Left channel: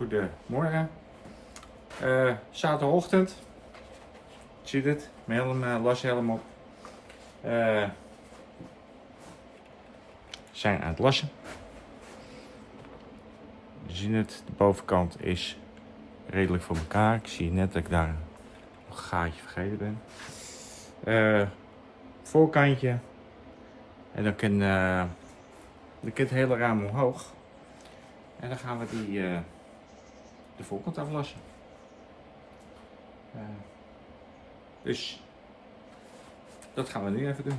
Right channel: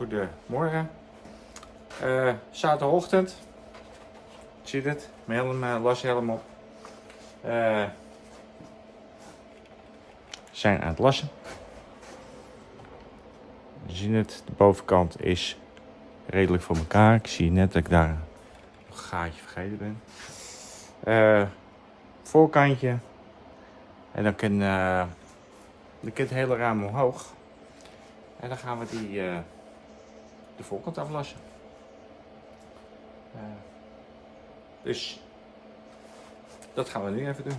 Goedemorgen. Zaterdagochtend. Zie je het? Mijn lashelm op. We zijn aan het lassen. We zien het, de bovenkant is redelijk voor elkaar. Ik zie net dat ik daar een gaatje vergeten ben. Voorkantje. En dan kan het hele raam omhoog. En dan gaan we de voorkant aflassen. Dus dat gaan we nu even doen.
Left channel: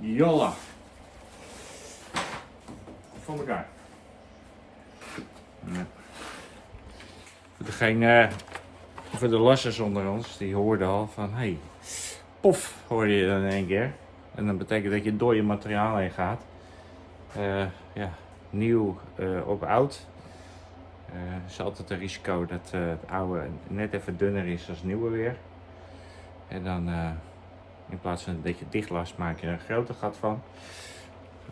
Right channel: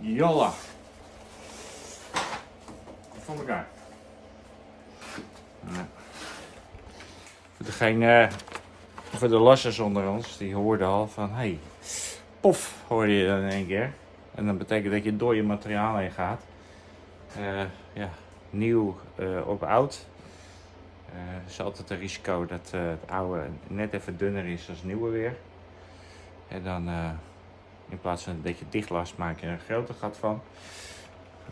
Jolla. Voor elkaar. Ja. Voor de lassers onder ons, die hoorden al van, hey, pof, hoorde je dan in één keer. En dat betekent dat je door je materiaal heen gaat. Ja, nieuw op oud. Er is altijd een risico dat het oude net even dunner is als het nieuwe weer. En dan in plaats van dat je het dicht last, maak je er een groter gat van.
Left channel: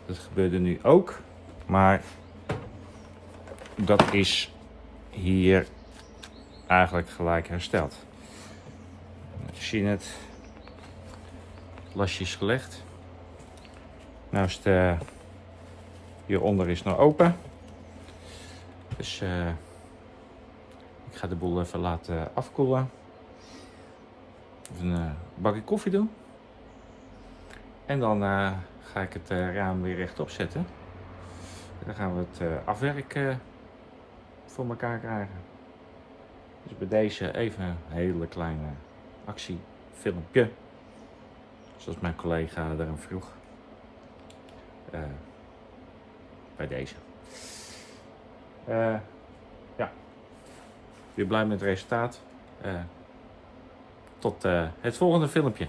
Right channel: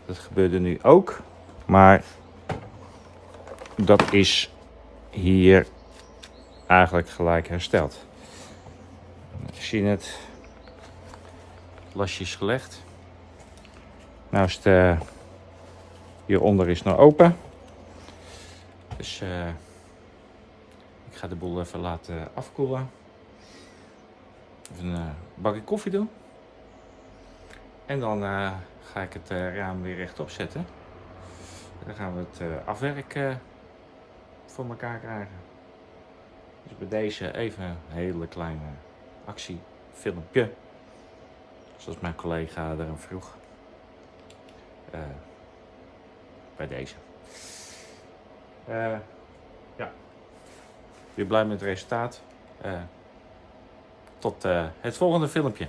Dat gebeurde nu ook. Maar dat is hier eigenlijk gelijk hersteld. Je ziet het. Het lasje is gelegd. Nou is het hieronder is nog open. Dus ik ga de boel even laten afkoelen. Even een bakje koffie doen. En dan ga ik het raam weer rechtop zetten. Dan gaan we het afwerk voor elkaar krijgen. Dus bij deze even een hele kleine actiefilmpje. Zoals mijn collega daarom vroeg. Bij deze. Ja. Ik ben blij met het resultaat. Tot het volgende filmpje.